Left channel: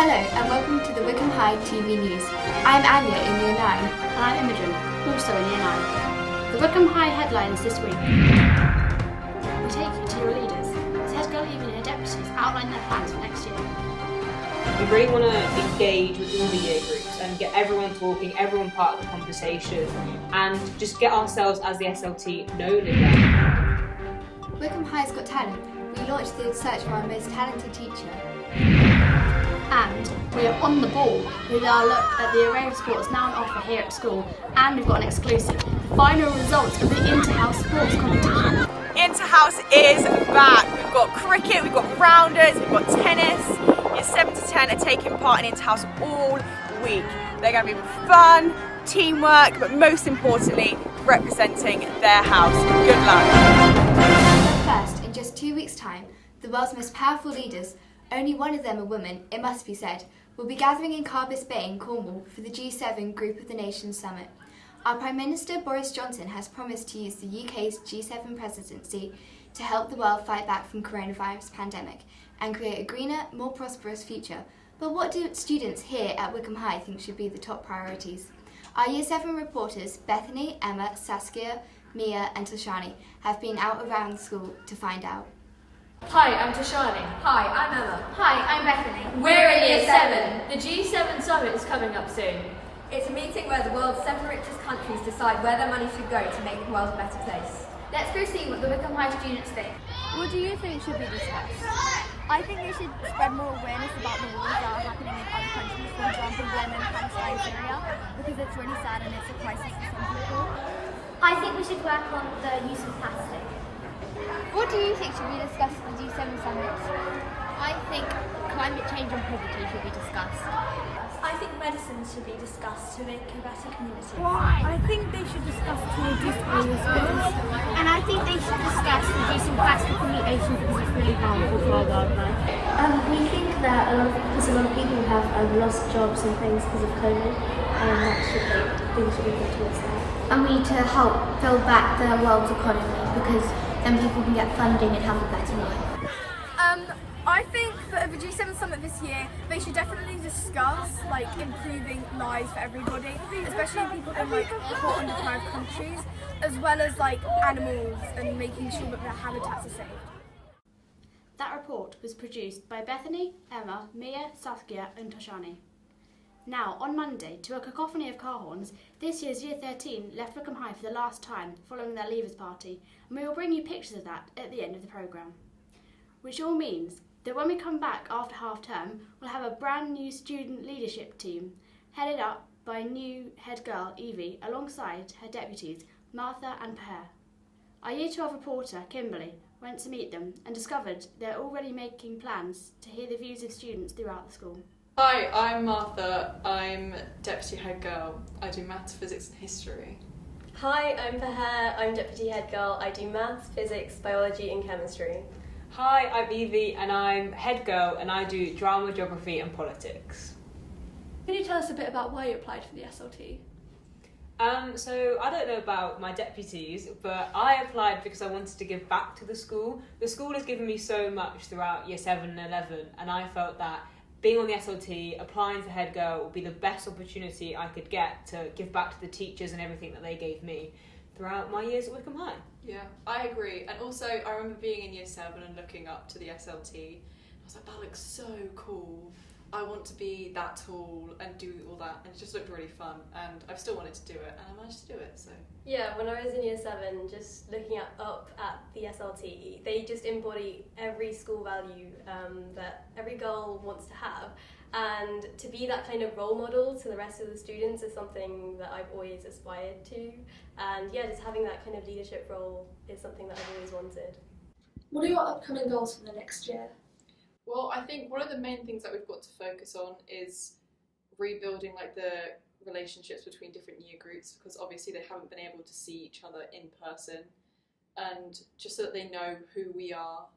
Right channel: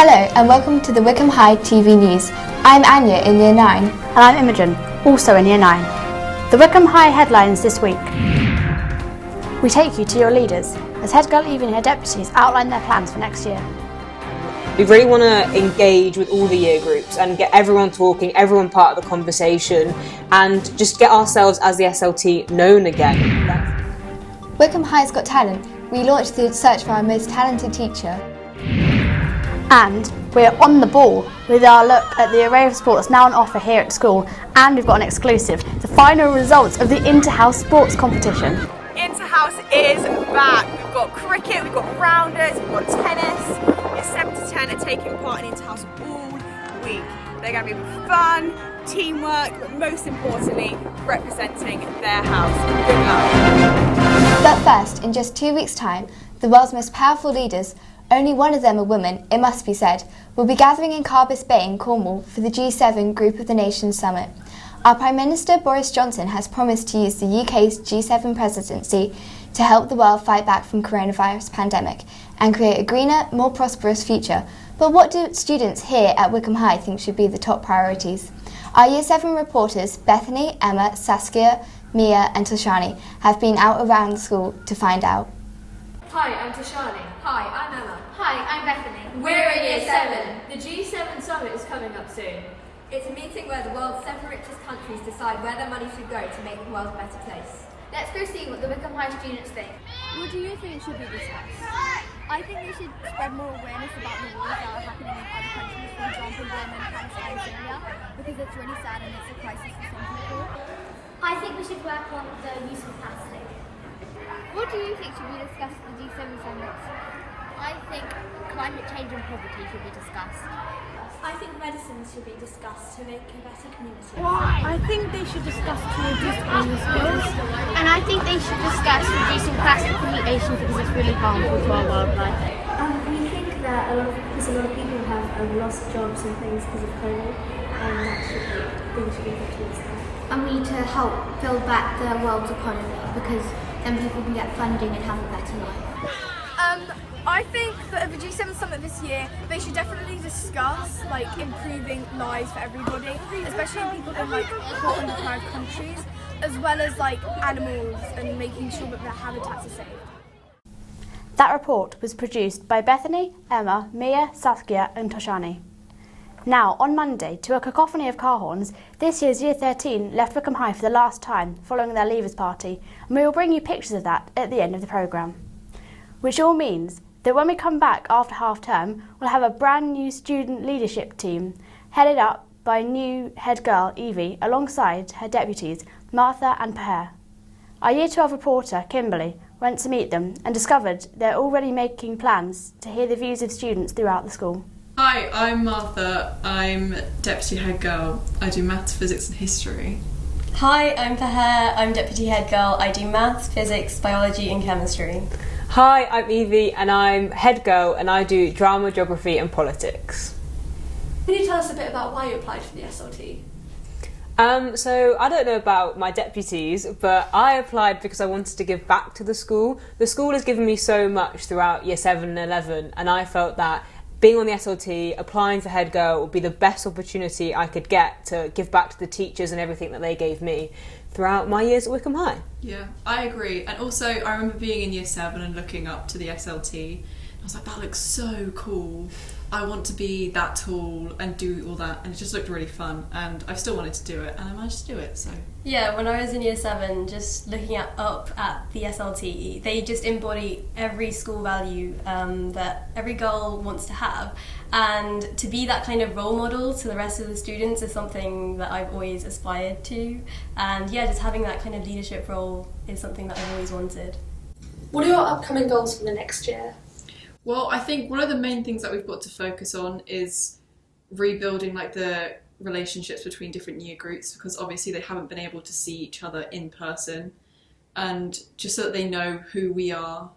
Hello and welcome to the Wycombe High TV news. I'm Anya in Year 9. And I'm Imogen, also in Year 9. The Wycombe High headlines this week. We take you to your leaders as head girl Eve and her deputies outline their plans for next year. We really want to engage with all the year groups and get everyone talking, everyone part of the conversation, and just get ourselves as the SLT known again. Wycombe High's Got Talent. We launched the search for our most talented teacher. And we're on the ball with our look at the array of sports now on offer here at school, and we've got an exclusive, the final results of the Interhouse sports competition. Interhouse is back. We've got cricket, we've got rounders, we've got tennis. Year 7 to 10 are taking part in Interhouse all week. They're going to be fun, teamwork, but most importantly, representing their house. Good luck. But first, in just 2 weeks' time, the world's most powerful leaders, only one of them a woman, it must be said, will be gathering in Carbis Bay in Cornwall for the G7 Group of the Nations Summit. Our Prime Minister Boris Johnson has promised to use the UK's G7 presidency to help the world fight back from coronavirus pandemic and create a greener, more prosperous future. But what do students here at Wycombe High think should be the top priorities? Our Year 7 reporters Bethany, Emma, Saskia, Mia and Toshani have been out around the school to find out. Hi, I'm Toshani. Hi, I'm Emma. Hi, I'm Bethany. We're in Year 7. The G7 Summit is coming up soon. It's a meeting where the world's 7 richest countries decide where their money should go to make the world a better place. Let's go see what the Wycombe High students think. What do you think should be discussed? I think they should spread more awareness about the wars that are happening in other countries, for example, Yemen, Palestine, Syria, because it's really sad and it's a crisis for some people. I think we should work on the use of plastic. What do you think should be discussed at the G7 summits? I think climate change and poverty should be discussed. I think medicine should be discussed to make a better community. I think they should discuss to reduce oil spills. And I think they should discuss reducing plastic from the ocean because it's really harmful to our wildlife. We think that a lot of people have lost jobs and things because of COVID, and things should be put towards that. And we need to help build back the world's economy because then people can get funding and have a better life. I think that at the G7 summit this year, they should definitely discuss improving lives for everybody, especially people in poor and deprived countries, as well as animals and making sure that their habitats are safe. That report was produced by Bethany, Emma, Mia, Saskia and Toshani. Now, on Monday, to a cacophony of car horns, this year's Year 13 left Wycombe High for the last time following their leavers party, and we will bring you pictures of that at the end of the programme. Which all means that when we come back after half term, we'll have a brand new student leadership team headed up by new head girl Evie alongside her deputies Martha and Peher. Our Year 12 reporter Kimberly went to meet them and discovered they're already making plans to hear the views of students throughout the school. Hi, I'm Martha. I'm deputy head girl. I do maths, physics and history. Hi, I'm Peher. I'm deputy head girl. I do maths, physics, biology and chemistry. Hi, I'm Evie and I'm head girl and I do drama, geography and politics. Can you tell us a bit about why you applied for the SLT? So I don't know about my deputies, but I applied because I wanted to give back to the school. The school has given me so much throughout Year 7 and 11, and I felt that being on the SLT, applying for head girl would be the best opportunity I could get to give back to the teachers and everything that they gave me throughout my years at Wycombe High. Yeah, I agree. And also I remember being in Year 7 and looking up to the SLT. I was like, that looks so cool. I want to be that tall and do all that, and it just looked really fun, and I've still wanted to do it, and I managed to do it, so. Yeah, when I was in Year 7, just looking up at the SLT, they just embody every school value that every girl wants to have, and to be that kind of role model to the rest of the students is something that I've always aspired to, and yeah, just having that kind of leadership role is something that I've always wanted. What are your upcoming goals for the next year? Well, I think one of the main things that we've got to focus on is rebuilding the relationships between different year groups, because obviously they haven't been able to see each other in person, and just so that they know who we are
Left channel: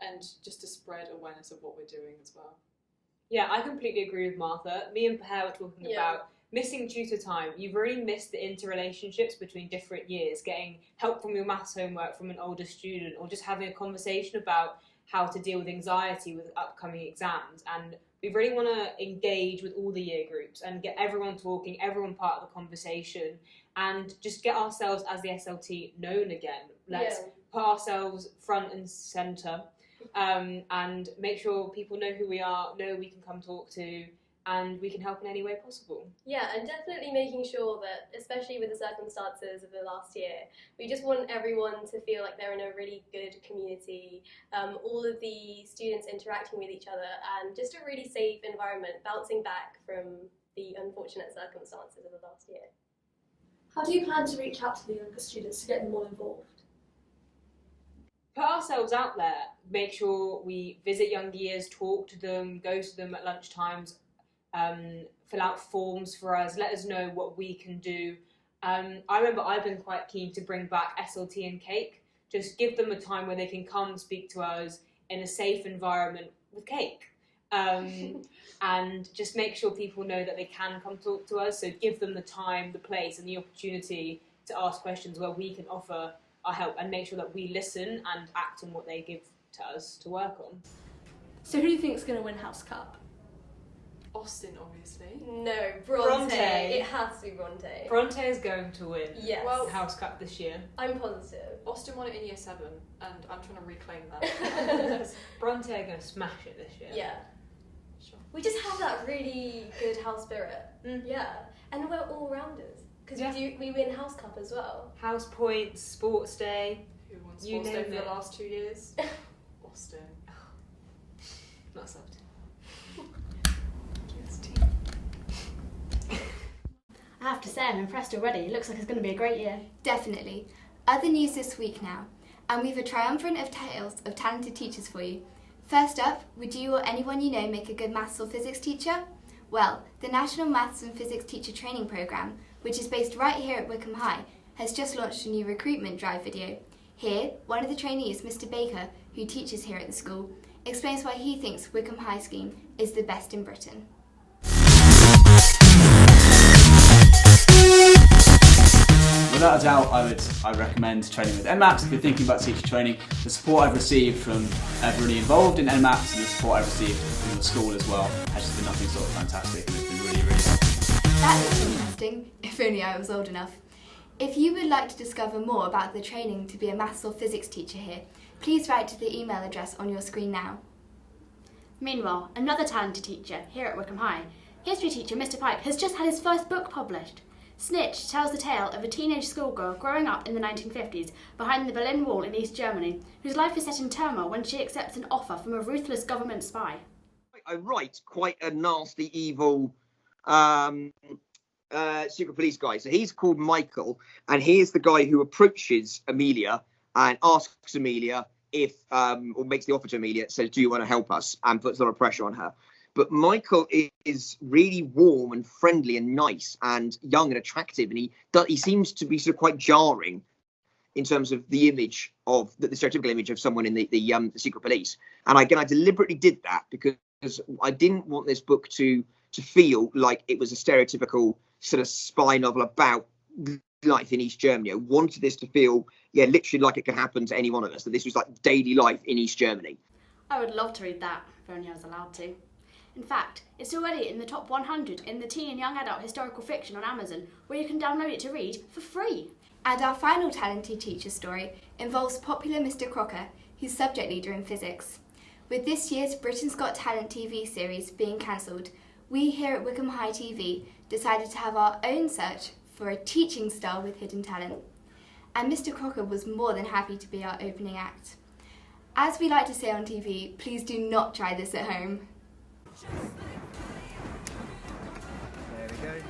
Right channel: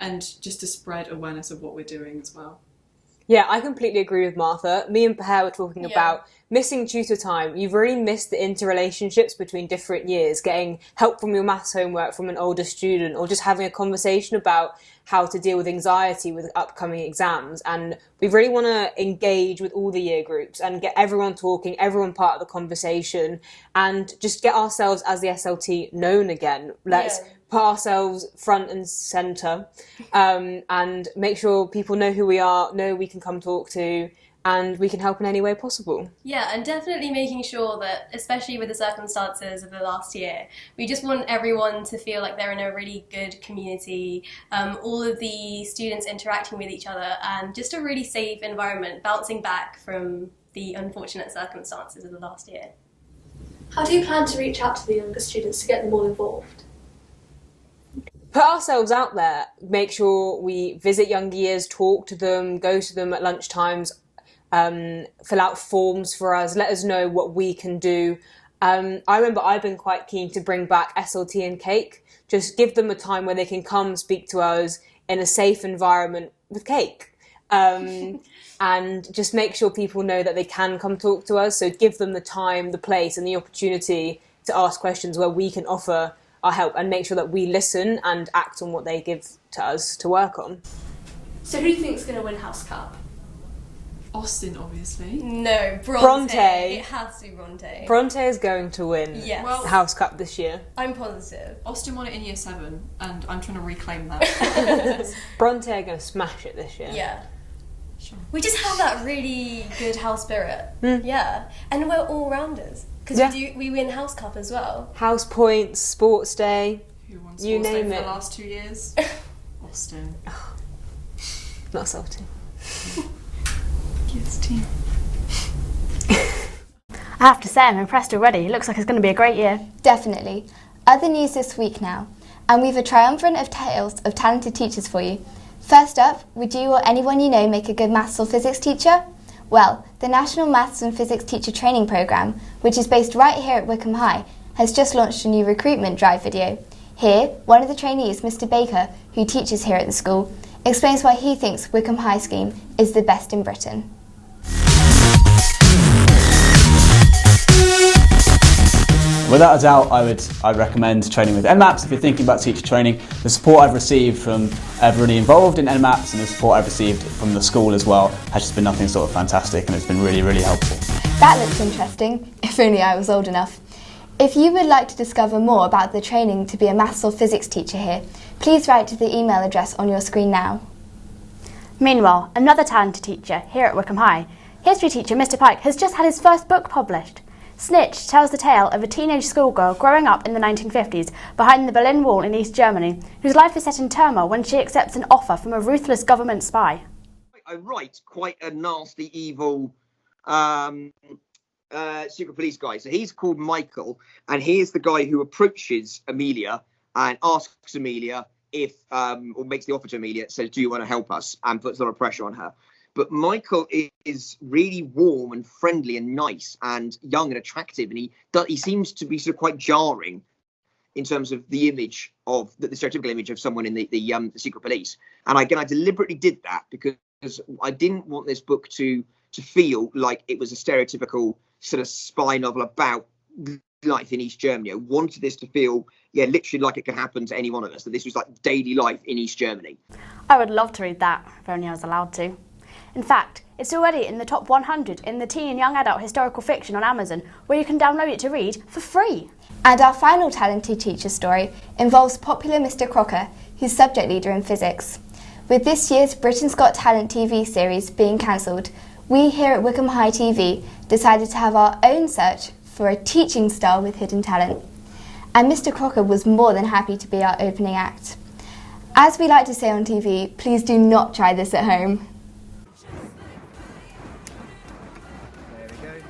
and just to spread awareness of what we're doing as well. Yeah, I completely agree with Martha. Me and Peher were talking about missing tutor time. You've really missed the interrelationships between different years, getting help from your maths homework from an older student, or just having a conversation about how to deal with anxiety with upcoming exams. And we really want to engage with all the year groups and get everyone talking, everyone part of the conversation, and just get ourselves as the SLT known again. Let's put ourselves front and centre, and make sure people know who we are, know we can come talk to, and we can help in any way possible. Yeah, and definitely making sure that, especially with the circumstances of the last year, we just want everyone to feel like they're in a really good community, all of the students interacting with each other, and just a really safe environment, bouncing back from the unfortunate circumstances of the last year. How do you plan to reach out to the younger students to get them all involved? Put ourselves out there, make sure we visit younger years, talk to them, go to them at lunchtimes, fill out forms for us, let us know what we can do. I remember I've been quite keen to bring back SLT and cake, just give them a time where they can come speak to us in a safe environment with cake. And just make sure people know that they can come talk to us, so give them the time, the place and the opportunity to ask questions where we can offer our help, and make sure that we listen and act on what they give to us to work on. So who do you think is going to win House Cup? Austin, obviously. No, Bronte. It has to be Bronte. Bronte is going to win Yes. House Cup this year. I'm positive. Austin won it in year 7, and I'm trying to reclaim that. Bronte are going to smash it this year. Yeah. Sure. We just have that really good house spirit. Yeah. And we're all rounders. Because we win House Cup as well. House points, sports day. Who won You sports name day for it. the last 2 years? Austin. Not salty. Yes, team. I have to say, I'm impressed already. It looks like it's going to be a great year. Definitely. Other news this week now, and we've a triumvirate of tales of talented teachers for you. First up, would you or anyone you know make a good maths or physics teacher? Well, the National Maths and Physics Teacher Training Programme, which is based right here at Wycombe High, has just launched a new recruitment drive video. Here, one of the trainees, Mr. Baker, who teaches here at the school, explains why he thinks Wycombe High scheme is the best in Britain. Without a doubt, I'd recommend training with NMAPS if you're thinking about teacher training. The support I've received from everybody involved in NMAPS and the support I've received from the school as well has just been nothing short of fantastic, and it's been really, really helpful. That looks interesting, if only I was old enough. If you would like to discover more about the training to be a maths or physics teacher here, please write to the email address on your screen now. Meanwhile, another talented teacher here at Wycombe High, history teacher Mr. Pike, has just had his first book published. Snitch tells the tale of a teenage schoolgirl growing up in the 1950s behind the Berlin Wall in East Germany, whose life is set in turmoil when she accepts an offer from a ruthless government spy. I write quite a nasty, evil secret police guy. So he's called Michael, and he is the guy who approaches Amelia and asks Amelia if, or makes the offer to Amelia, says, do you want to help us? And puts a lot of pressure on her. But Michael is really warm and friendly and nice and young and attractive, and he seems to be sort of quite jarring in terms of the image of the stereotypical image of someone in the secret police. And again, I deliberately did that because I didn't want this book to feel like it was a stereotypical sort of spy novel about life in East Germany. I wanted this to feel, literally like it could happen to any one of us, that this was like daily life in East Germany. I would love to read that, if only I was allowed to. In fact, it's already in the top 100 in the teen and young adult historical fiction on Amazon, where you can download it to read for free. And our final talented teacher story involves popular Mr. Crocker, who's subject leader in physics. With this year's Britain's Got Talent TV series being cancelled, we here at Wycombe High TV decided to have our own search for a teaching star with hidden talent. And Mr. Crocker was more than happy to be our opening act. As we like to say on TV, please do not try this at home. There we go.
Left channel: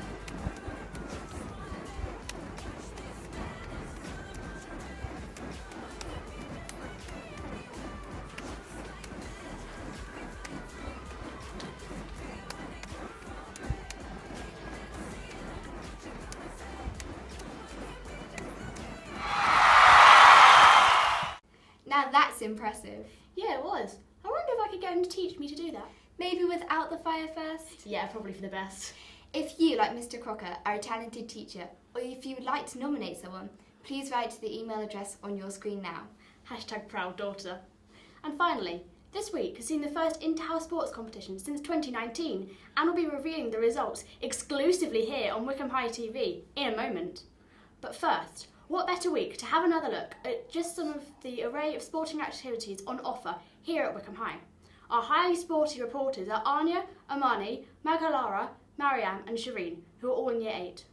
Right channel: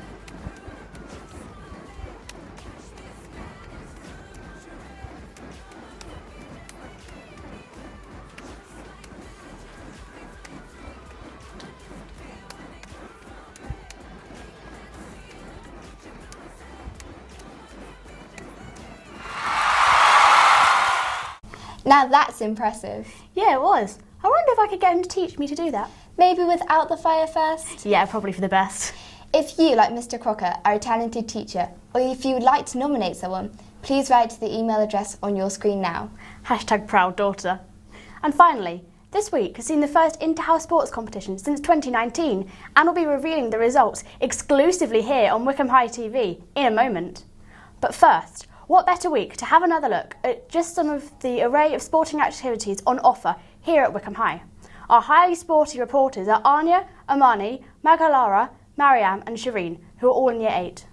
Now that's impressive. Yeah, it was. I wonder if I could get him to teach me to do that. Maybe without the fire first? Yeah, probably for the best. If you, like Mr. Crocker, are a talented teacher, or if you would like to nominate someone, please write to the email address on your screen now. #ProudDaughter. And finally, this week has seen the first Interhouse sports competition since 2019, and we'll be revealing the results exclusively here on Wycombe High TV in a moment. But first, what better week to have another look at just some of the array of sporting activities on offer here at Wycombe High. Our highly sporty reporters are Anya, Amani, Magalara, Mariam and Shireen, who are all in Year 8.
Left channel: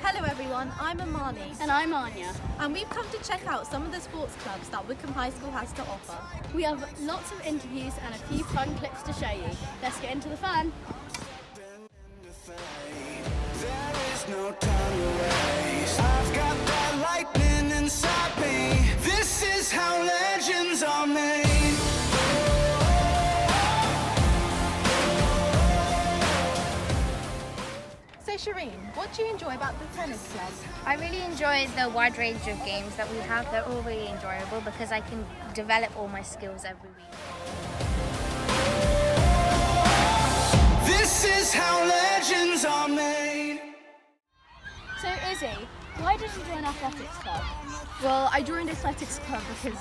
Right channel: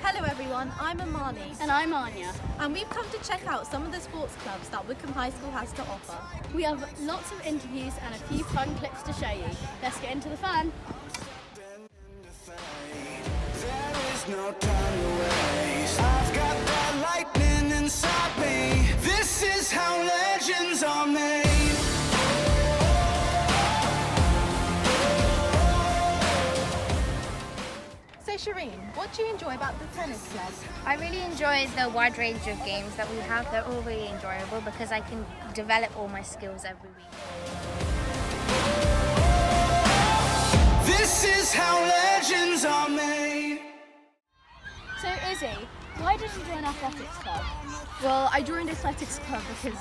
Hello everyone, I'm Amani. And I'm Anya. And we've come to check out some of the sports clubs that Wycombe High School has to offer. We have lots of interviews and a few fun clips to show you. Let's get into the fun. There is no time to waste. I've got that lightning inside me. This is how legends are made. So Shireen, what do you enjoy about the tennis club? I really enjoy the wide range of games that we have. They're all really enjoyable because I can develop all my skills every week. This is how legends are made. So Izzy, why did you join athletics club? Well, I joined athletics club because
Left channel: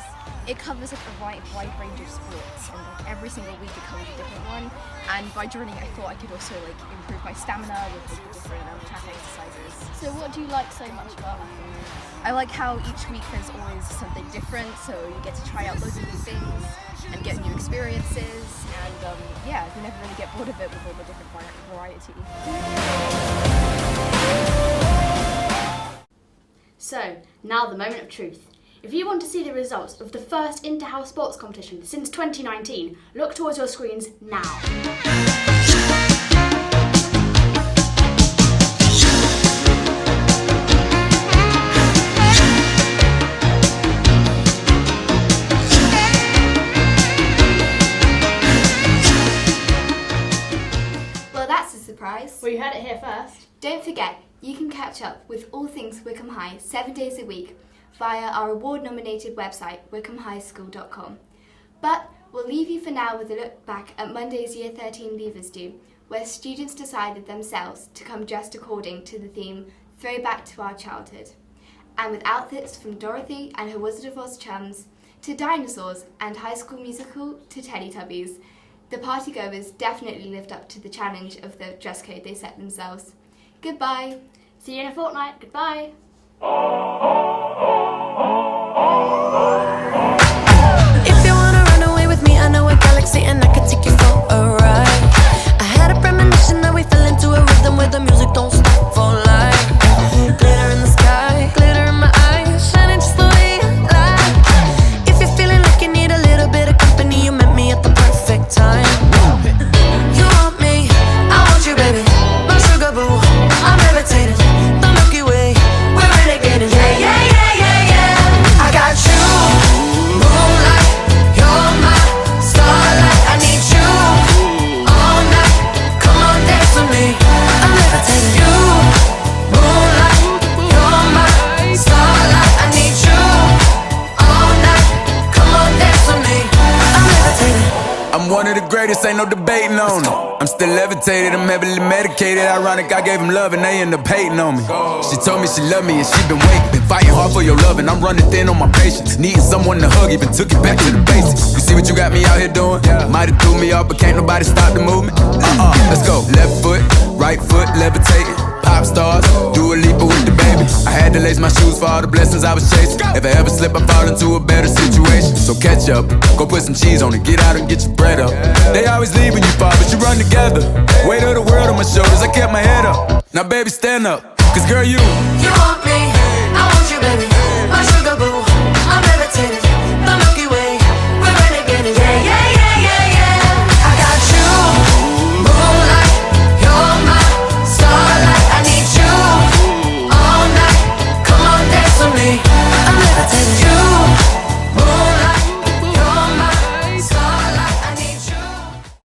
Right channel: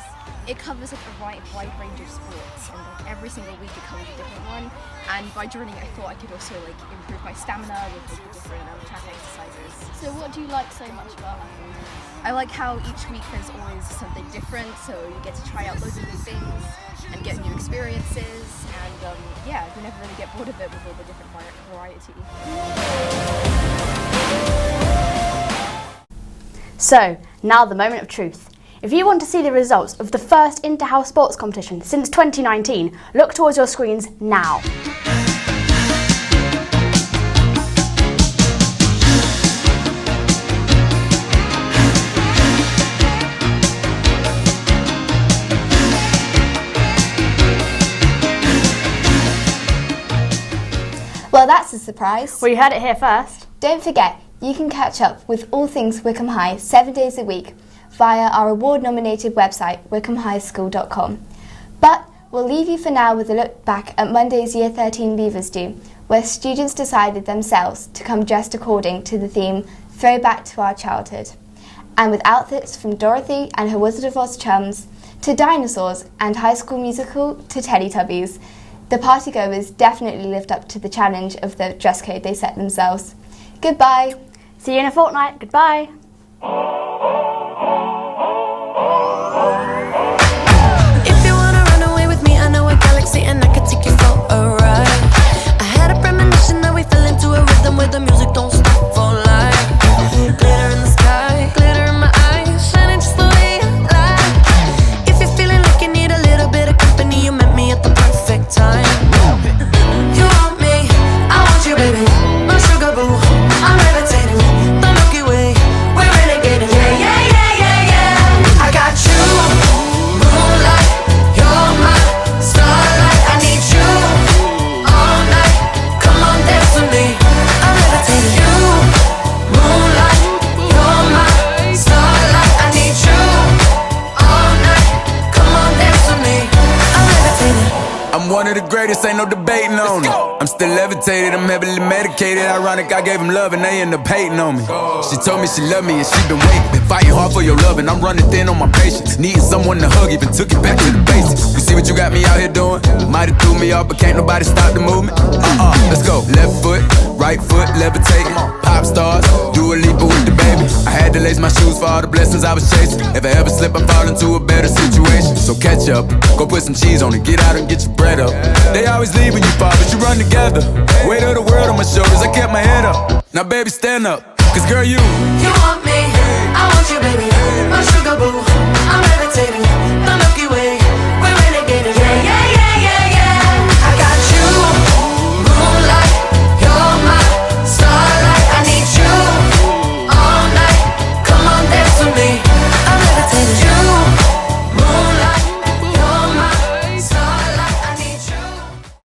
it covers like a wide range of sports, and like every single week it covers a different one. And by joining, I thought I could also like improve my stamina with like, the different track exercises. So what do you like so much about it? I like how each week there's always something different, so you get to try out loads of new things and get new experiences. And yeah, you never really get bored of it with all the different variety. So, now the moment of truth. If you want to see the results of the first Interhouse sports competition since 2019, look towards your screens now. Well, that's a surprise. Well, you heard it here first. Don't forget, you can catch up with all things Wycombe High 7 days a week via our award-nominated website, wycombehighschool.com. But we'll leave you for now with a look back at Monday's Year 13 Leavers Do, where students decided themselves to come dressed according to the theme Throwback to Our Childhood. And with outfits from Dorothy and her Wizard of Oz chums, to dinosaurs and High School Musical to Teletubbies, the partygoers definitely lived up to the challenge of the dress code they set themselves. Goodbye. See you in a fortnight. Goodbye. If you wanna run away with me, I know a galaxy and I can take you for a ride. I had a premonition that we fell into a rhythm where the music don't stop for life. Glitter in the sky, glitter in my eyes, shining just the way you like. If you're feeling like you need a little bit of company, you met me at the perfect time. You want me, I want you, baby. My sugar boo, I'm levitating. The Milky Way, we're renegading. Yeah, yeah, yeah, yeah, yeah. I got you, moonlight. You're my starlight. I need you all night. Come on, dance with me. I'm levitating. You, moonlight. You're my starlight. I need you all night. Come on, dance with me. I'm levitating. I'm one of the greatest, ain't no debating on it. I'm still levitated, I'm heavily medicated. Ironic, I gave him love and they end up hating on me. She told me she loved me and she been waiting. Been fighting hard for your love and I'm running thin on my patience. Needing someone to hug, even took it back to the basics. You see what you got me out here doing? Might have threw me off, but can't nobody stop the movement. Let's go. Left foot, right foot, levitating. Pop stars, do a leap with the baby. I had to lace my shoes for all the blessings I was chasing. If I ever slip, I fall into a better situation. So catch up, go put some cheese on it, get out and get your bread up. They always leave when you fall, but you run together. Weight of the world on my shoulders, I kept my head up. Now baby, stand up, cause girl, you